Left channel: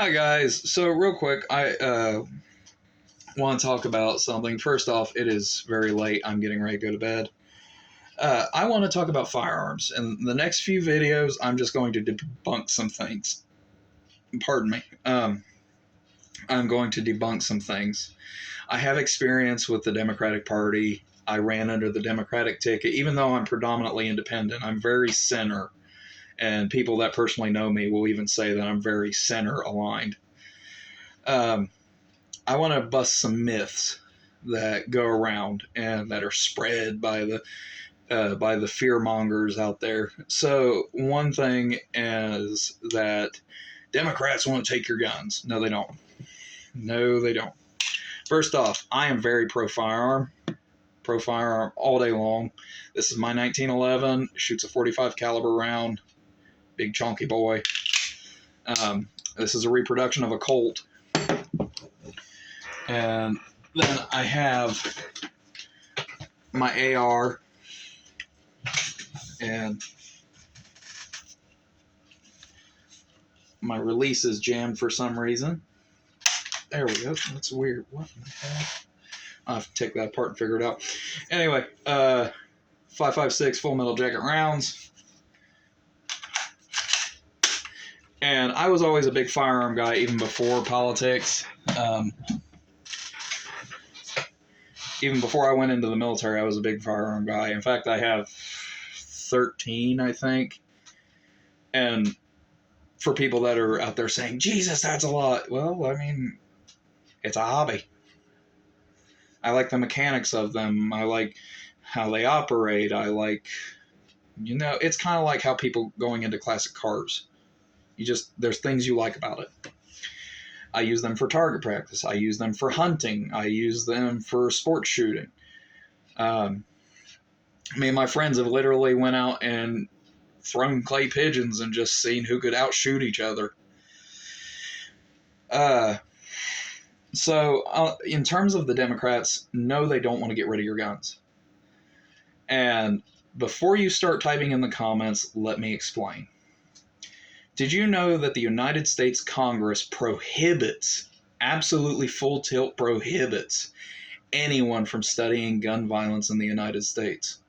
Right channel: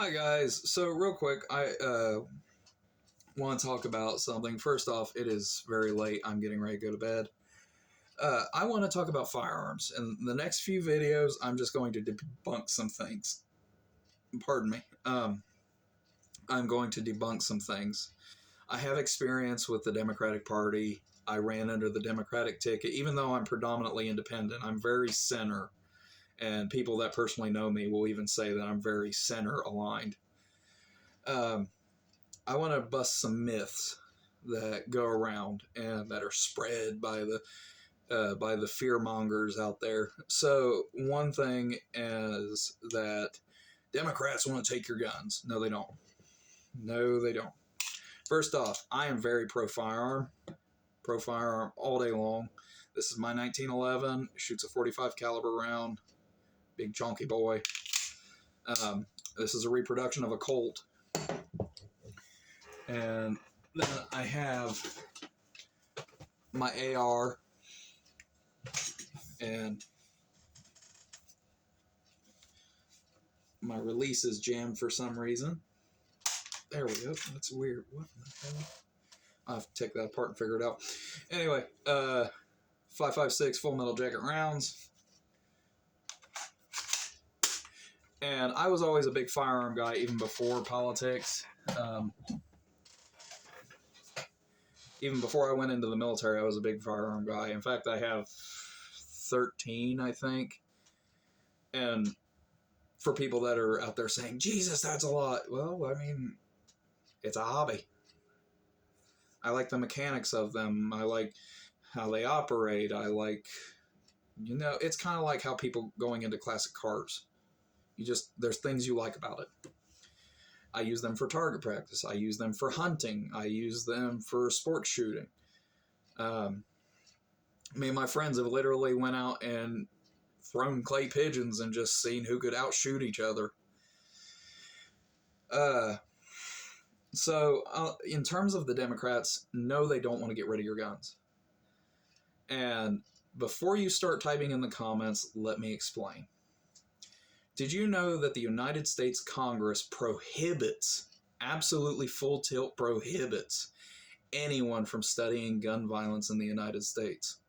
Hi guys. So real quick, I want to talk about something. First off, it is very late. I'm getting ready to go to bed. I want to talk about firearms. In the next few videos, I'm just going to debunk some things. Pardon me. I'm going to debunk some things. I have experience with the Democratic Party. I ran under the Democratic ticket, even though I'm predominantly independent. I'm very center. And people that personally know me will even say that I'm very center aligned. I want to bust some myths that go around and that are spread by the fear mongers out there. So one thing is that Democrats want to take your guns. No, they don't. No, they don't. First off, I am very pro firearm all day long. This is my 1911. Shoots a 45 caliber round. Big chunky boy. This is a reproduction of a Colt. And then I have my AR, and my release is jammed for some reason. There we go. That's weird. What in the hell? I'll have to take that apart and figure it out. Anyway, 5.56 full metal jacket rounds. And I was always a big firearm guy, even before politics. Even before I went into the military, I was a big firearm guy. In fact, I have 13, I think. And for people that are out there saying, Jesus, that's a lot. Well, I mean, it's a hobby. I like the mechanics of them. I like how they operate. I like, it's kind of like how people going into classic cars. There's things you like about it. I use them for target practice. I use them for hunting. I use them for sports shooting. Me and my friends have literally went out and thrown clay pigeons and just seen who could outshoot each other. So in terms of the Democrats, no, they don't want to get rid of your guns. And before you start typing in the comments, let me explain. Did you know that the United States Congress prohibits, absolutely full tilt prohibits, anyone from studying gun violence in the United States?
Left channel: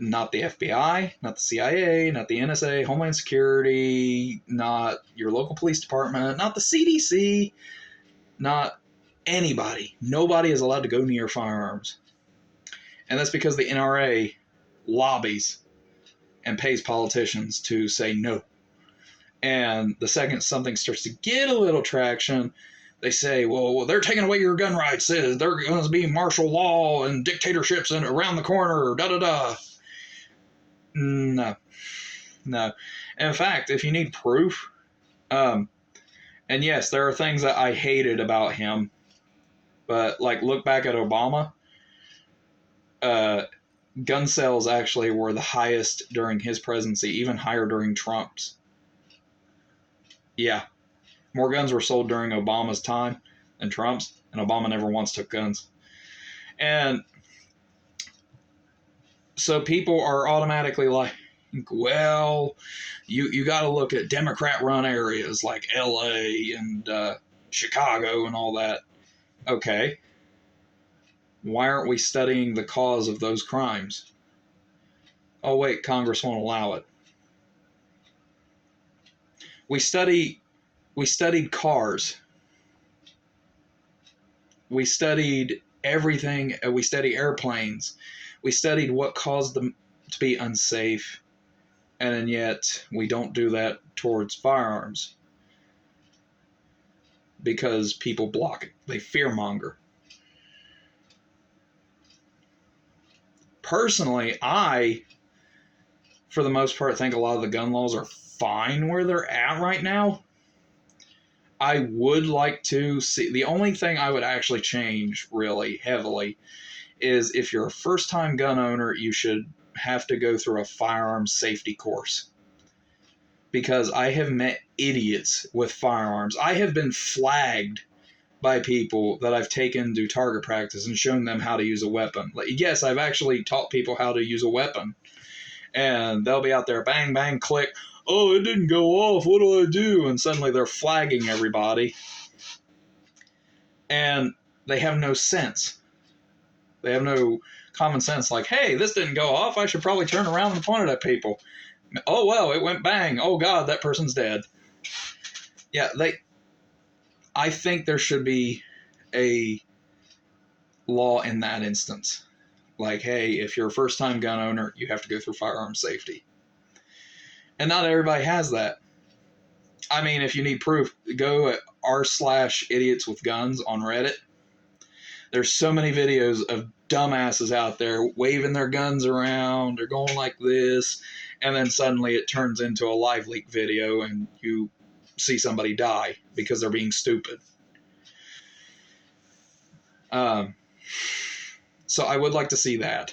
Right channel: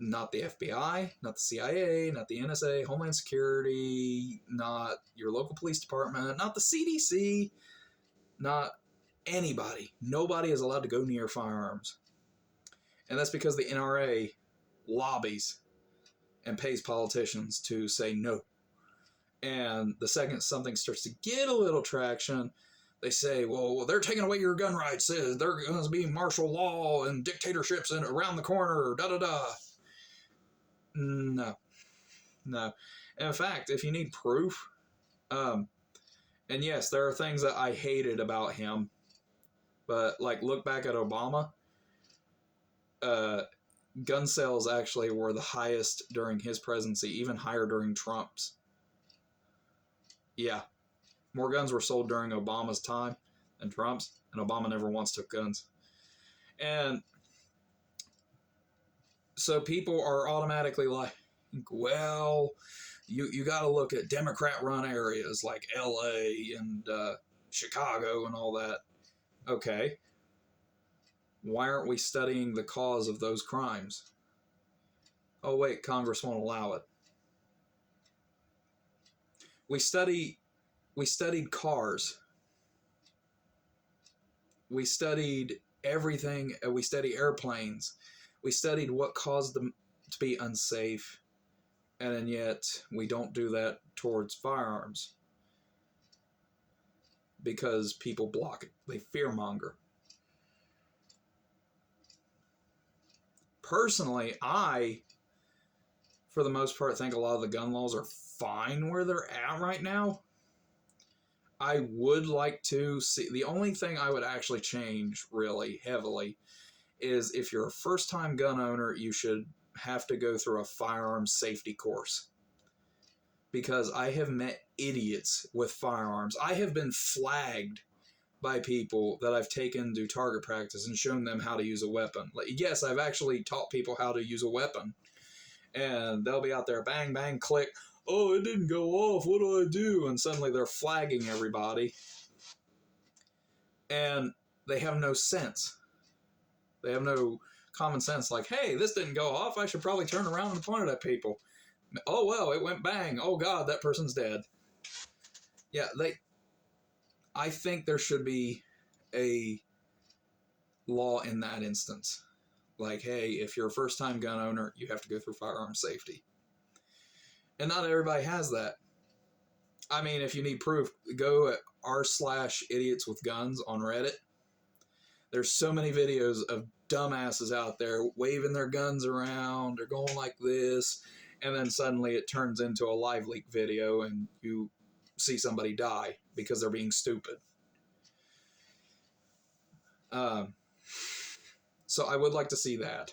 Not the FBI, not the CIA, not the NSA, Homeland Security, not your local police department, not the CDC, not anybody. Nobody is allowed to go near firearms. And that's because the NRA lobbies and pays politicians to say no. And the second something starts to get a little traction, they say, well, they're taking away your gun rights. There's going to be martial law and dictatorships around the corner, da-da-da. No. In fact, if you need proof, and yes, there are things that I hated about him, but like look back at Obama, gun sales actually were the highest during his presidency, even higher during Trump's. Yeah, more guns were sold during Obama's time than Trump's, and Obama never once took guns. And so people are automatically like, well, you got to look at Democrat-run areas like LA and Chicago and all that. Okay. Why aren't we studying the cause of those crimes? Oh, wait, Congress won't allow it. We studied cars. We studied everything. We studied airplanes. We studied what caused them to be unsafe. And yet we don't do that towards firearms. Because people block it. They fearmonger. Personally, I, for the most part, think a lot of the gun laws are fine where they're at right now. I would like to see, the only thing I would actually change really heavily is if you're a first-time gun owner, you should have to go through a firearms safety course. Because I have met idiots with firearms. I have been flagged by people that I've taken to target practice and shown them how to use a weapon. Like, yes, I've actually taught people how to use a weapon. And they'll be out there, bang, bang, click. oh, it didn't go off, what do I do? And suddenly they're flagging everybody. And they have no sense. They have no common sense, like, hey, this didn't go off, I should probably turn around and point it at people. Oh, well, it went bang. Oh, God, that person's dead. Yeah, I think there should be a law in that instance. Like, hey, if you're a first-time gun owner, you have to go through firearm safety. And not everybody has that. I mean, if you need proof, go at r/idiots with guns on Reddit. There's so many videos of dumbasses out there waving their guns around, they're going like this, and then suddenly it turns into a live leak video and you see somebody die because they're being stupid. So I would like to see that.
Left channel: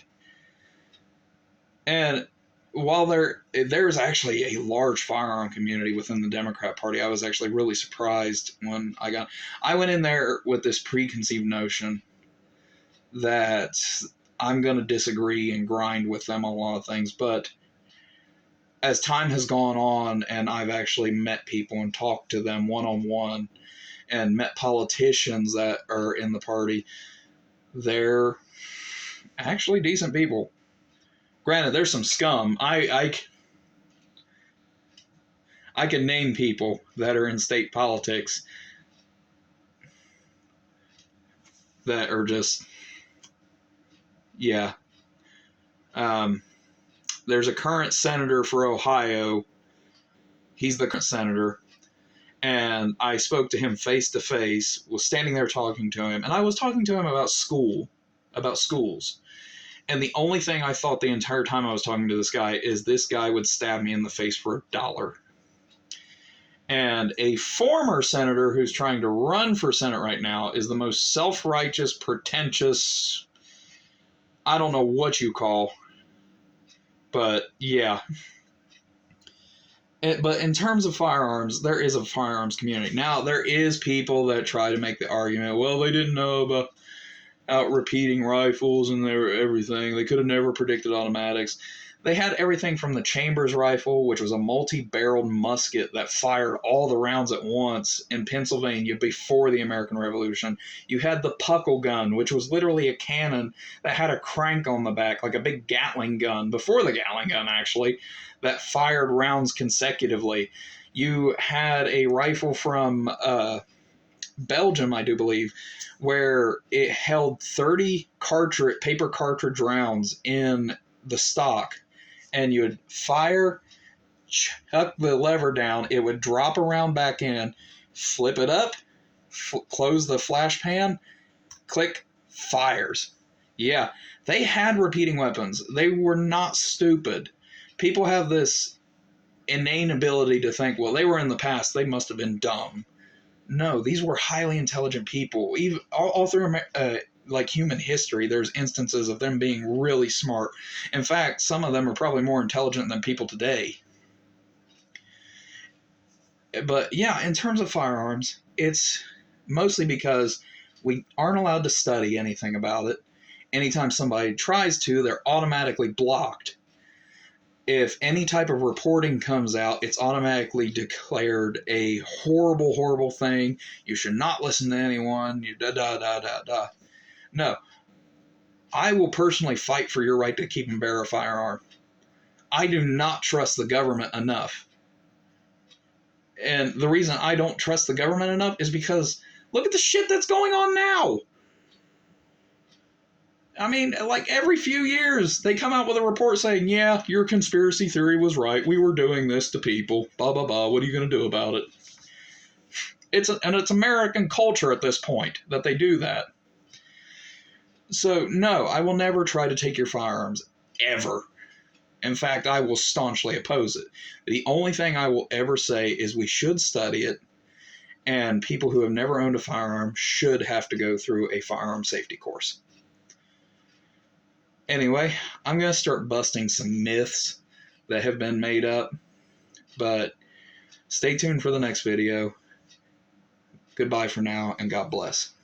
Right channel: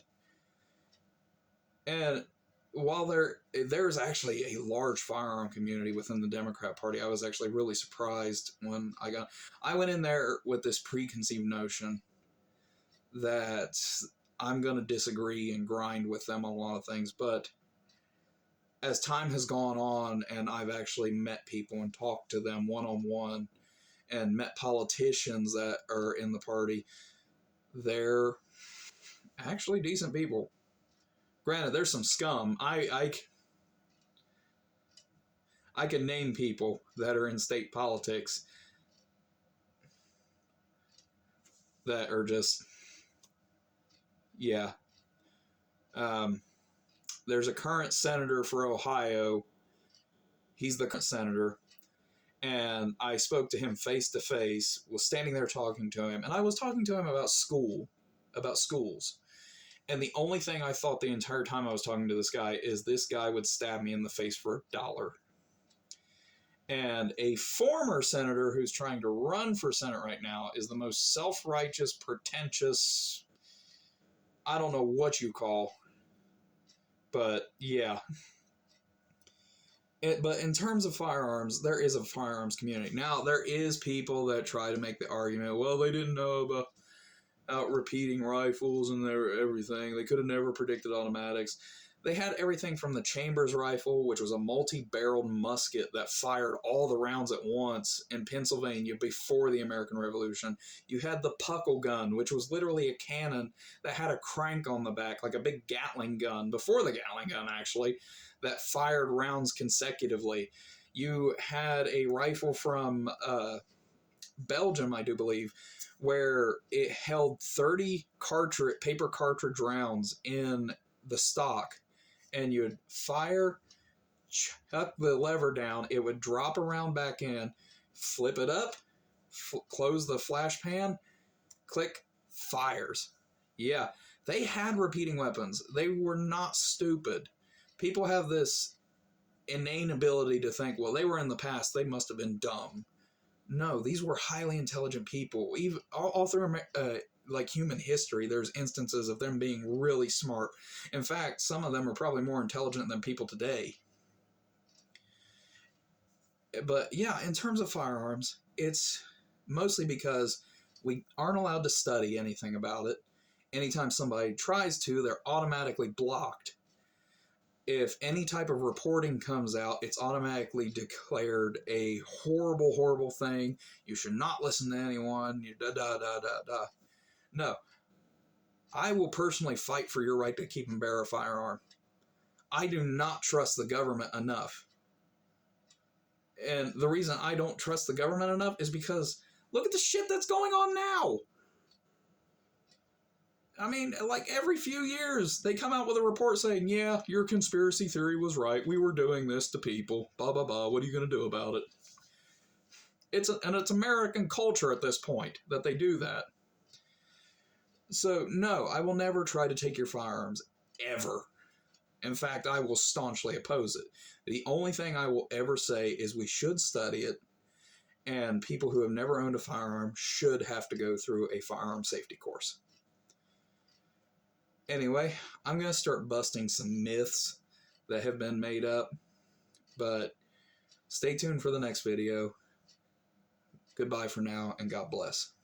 And while there's actually a large firearm community within the Democrat Party, I was actually really surprised when I went in there with this preconceived notion that I'm going to disagree and grind with them on a lot of things. But as time has gone on and I've actually met people and talked to them one-on-one and met politicians that are in the party, they're actually decent people. Granted, there's some scum. I can name people that are in state politics that are just, yeah. There's a current senator for Ohio. He's the current senator. And I spoke to him face to face, was standing there talking to him, and I was talking to him about schools. And the only thing I thought the entire time I was talking to this guy is this guy would stab me in the face for $1. And a former senator who's trying to run for Senate right now is the most self-righteous, pretentious, I don't know what you call, but yeah. But in terms of firearms, there is a firearms community. Now, there is people that try to make the argument, well, they didn't know about repeating rifles and everything. They could have never predicted automatics. They had everything from the Chambers rifle, which was a multi-barreled musket that fired all the rounds at once in Pennsylvania before the American Revolution. You had the Puckle gun, which was literally a cannon that had a crank on the back, like a big Gatling gun, before the Gatling gun, actually, that fired rounds consecutively. You had a rifle from Belgium, I do believe, where it held 30 paper cartridge rounds in the stock, and you would fire, chuck the lever down, it would drop a round back in, flip it up, close the flash pan, click, fires. Yeah, they had repeating weapons. They were not stupid. People have this innate ability to think, well, they were in the past, they must have been dumb. No, these were highly intelligent people. Even all through like human history, there's instances of them being really smart. In fact, some of them are probably more intelligent than people today. But yeah, in terms of firearms, it's mostly because we aren't allowed to study anything about it. Anytime somebody tries to, they're automatically blocked. If any type of reporting comes out, it's automatically declared a horrible, horrible thing. You should not listen to anyone. No. I will personally fight for your right to keep and bear a firearm. I do not trust the government enough. And the reason I don't trust the government enough is because look at the shit that's going on now. I mean, like every few years, they come out with a report saying, yeah, your conspiracy theory was right. We were doing this to people. Blah, blah, blah. What are you going to do about it? It's American culture at this point that they do that. So, no, I will never try to take your firearms. Ever. In fact, I will staunchly oppose it. The only thing I will ever say is we should study it, and people who have never owned a firearm should have to go through a firearm safety course. Anyway, I'm going to start busting some myths that have been made up, but stay tuned for the next video. Goodbye for now, and God bless.